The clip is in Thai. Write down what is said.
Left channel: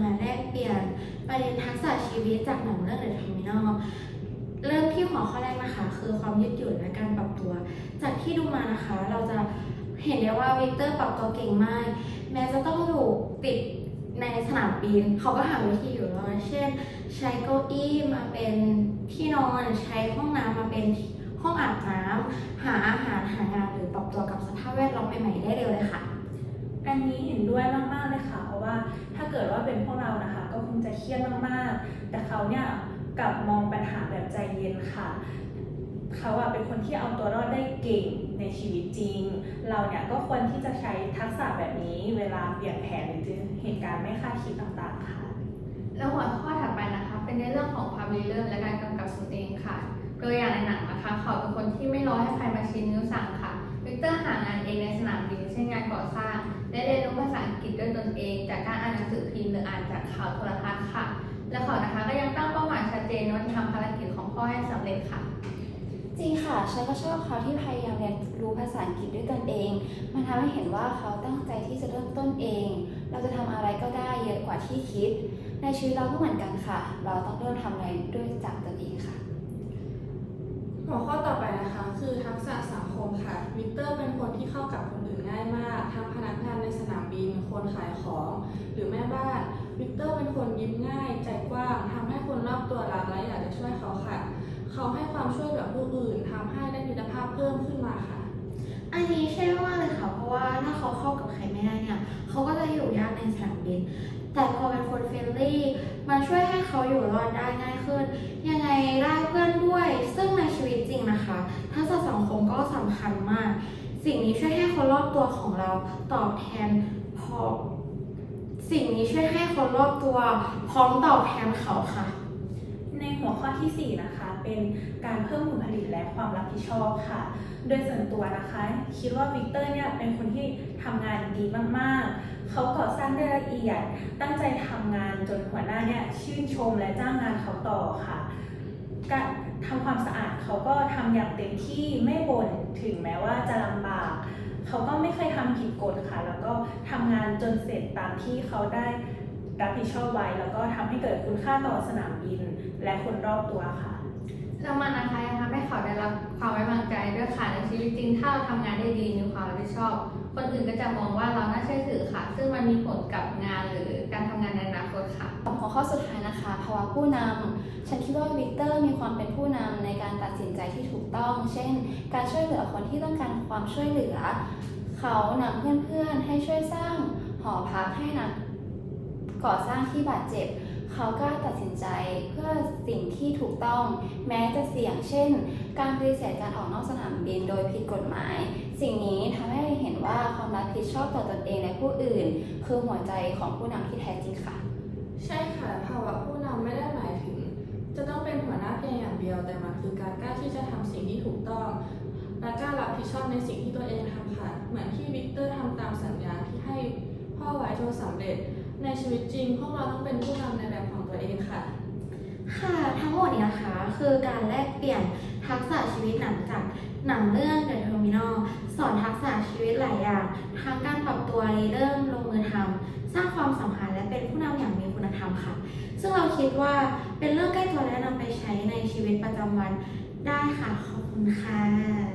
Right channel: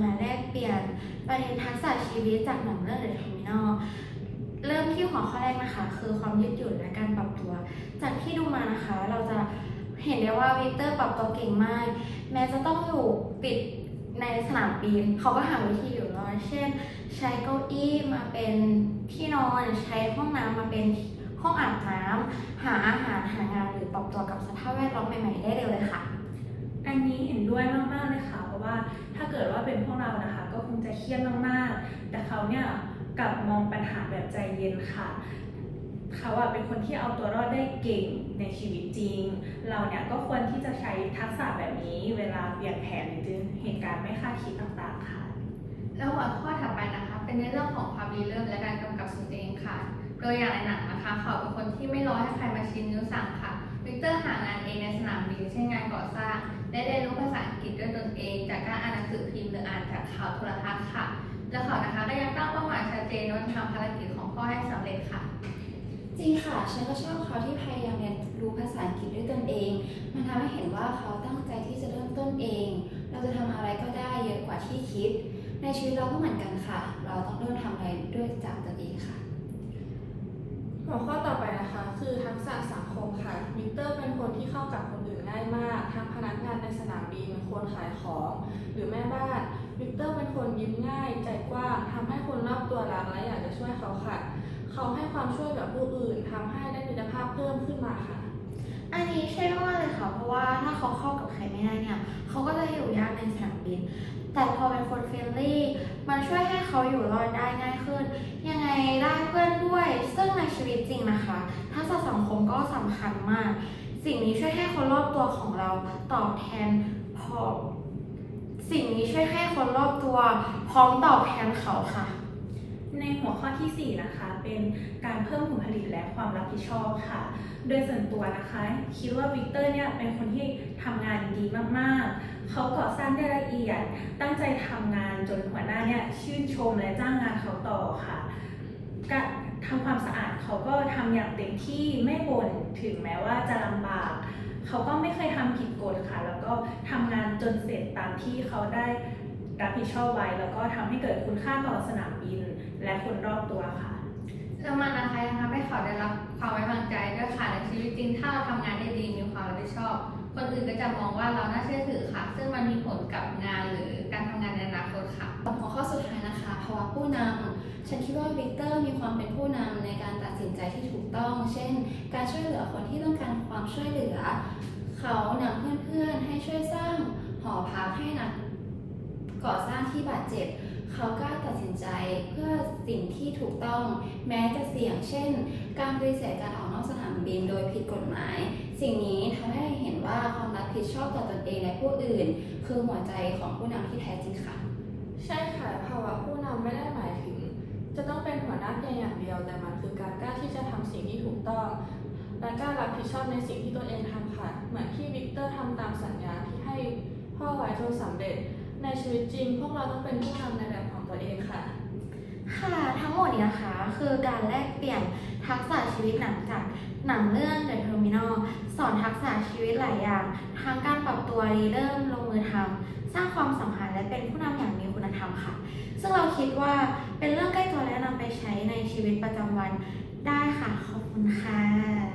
มาแลกเปลี่ยนประเด็นทักษะชีวิตจากหนังเรื่อง The Terminal เริ่มที่หัวข้อแรกนะคะ คือความยืดหยุ่นและการปรับตัว จากที่ดูมานะคะ เราจะเห็นได้ว่าวิกเตอร์ปรับตัวเก่งมาก แม้จะต้องอยู่ติดในสนามบินเขาก็หาวิธีอยู่รอดเช่น ใช้เก้าอี้มาเป็นที่นอนใช้ห้องน้ำมาเป็นห้องอาบน้ำหาอาหารหางานหรือปรับตัวกับสภาพแวดล้อมใหม่ๆได้เร็วเลยค่ะ อันนี้เห็นด้วยมากๆเลยค่ะ เพราะว่าถ้าเกิดว่าเป็นพวกเรานะคะ ก็คงจะเครียดมากๆ แต่เขาเนี่ยกลับมองปัญหาแบบใจเย็นค่ะเขาอะเป็นคนที่เอาตัวรอดได้เก่งในชีวิตจริง เราเนี่ยก็ควรที่จะใช้ทักษะแบบนี้เวลาเปลี่ยนแผนหรือเหตุการณ์ไม่คาดคิดต่างๆค่ะ แล้วหัวข้อถัดไปนะคะ เป็นในเรื่องของความริเริ่มและการกำกับตนเองค่ะโดยอย่างในหนังนะคะ เขาเป็นคนที่ไม่รอให้ใครมาชี้นิ้วสั่ง เป้าหมายชัดเจนว่าจะทำภารกิจของพ่อให้สำเร็จค่ะ จริงค่ะฉันก็ชอบเขาที่พยายามเรียนรู้ภาษาอังกฤษด้วยตนเอง มันทำให้เห็นว่าเขาตั้งใจที่จะเริ่มต้นเอง เราจะทำอะไรก็ได้เยอะกว่าที่คิด ในชีวิตเราก็เหมือนกันค่ะ เราต้องเริ่มทำอะไรด้วยจากตนเองค่ะ หัวข้อต่อไปนะคะ คือทักษะสังคมค่ะ วิกเตอร์เป็นคนที่เข้ากับคนอื่นง่ายมาก ทั้งพนักงานในสนามบิน คนขายของ หรือแม่บ้าน วิกเตอร์เป็นคนยิ้มง่าย ใจกว้างทำให้ ไม่ได้เนี่ยเขาก็จะอยู่ยากในสนามบิน แต่พอเป็นคนเฟรนลี่ มันช่วยให้เขาอยู่รอดได้ง่ายขึ้น ยังไงได้เพื่อนด้วย ซึ่งในชีวิตจริงนะคะทักษะสังคมก็สำคัญมาก สิ่งนี้ช่วยให้คนรอบตัวของเราตอบแทนพอสิ่งนี้ช่วยให้คนรอบตัวพร้อมตอบแทนเขาค่ะ หัวข้อทีสี่ 4 นะคะ เป็นการเพิ่มผลผลิตและความรับผิดชอบค่ะ โดยส่วนตัวนะคะ คิดว่าวิกเตอร์เนี่ยเป็นคนที่ทำงานดีมากๆ เขาก่อสร้างได้ละเอียด ตั้งใจทำงานจนหัวหน้าเนี่ยชื่นชมและจ้างงานเขาต่อค่ะการทำความสะอาดเขาก็ทำอย่างเต็มที่ไม่บ่นถึงแม้ว่าจะลำบาก เขาก็ไม่เคยทำผิดกฎค่ะ แล้วก็ทำงานจนเสร็จตามที่เขาได้รับผิดชอบไว้ แล้วก็ทำให้เกิดคุณค่าต่อสนามบิน และคนรอบตัวค่ะแล้วมันนะคะยังทำให้เขาได้รับความไว้วางใจด้วยค่ะในชีวิตจริงถ้าเราทำงานได้ดีมีความรับผิดชอบ คนอื่นก็จะมองว่าเราน่าเชื่อถือค่ะ ซึ่งมันมีผลกับงานหรือการทำงานในอนาคตค่ะหัวข้อสุดท้ายนะคะภาวะผู้นำฉันคิดว่าวิกเตอร์มีความเป็นผู้นำในการตัดสินใจที่ถูกต้อง เช่น การช่วยเหลือคนที่ต้องการความช่วยเหลือ เขานำเพื่อนๆให้ช่วยสร้างหอพักให้นักก่อสร้างที่บาดเจ็บ เขากล้าตัดสินใจเพื่อสิ่งที่ถูกต้องแม้จะเสี่ยง เช่น การปฏิเสธการออกนอกสนามบินโดยผิดกฎหมาย สิ่งนี้ทำให้เห็นว่าความรับผิดชอบต่อตนเองและผู้อื่น คือหัวใจของผู้นำที่แท้จริงค่ะ ใช่ค่ะภาวะผู้นำไม่ได้หมายถึง จะต้องเป็นหัวหน้าเพียงอย่างเดียว แต่มันคือการกล้าที่จะทำสิ่งที่ถูกต้องและกล้ารับผิดชอบในสิ่งที่ตัวเองทำค่ะ เหมือนที่วิกเตอร์ทำตามสัญญาที่ให้พ่อไว้จนสำเร็จ ในชีวิตจริง พวกเราต้องเป็นผู้นำในแบบของตัวเองค่ะ ค่ะทั้งหมดนี้นะคะ คือการแลกเปลี่ยนทักษะชีวิตหนังจากหนังเรื่อง The Terminal สอนทักษะชีวิตหลายอย่างทั้งการปรับตัวรีเริ่มลงมือทำสร้างความสัมพันธ์และเป็นผู้นำอย่างมีคุณธรรมค่ะ ซึ่งเราคิดว่าเป็นเรื่องใกล้ตัวและนำไปใช้ในชีวิตประจำวันได้ค่ะ ขอบคุณค่ะ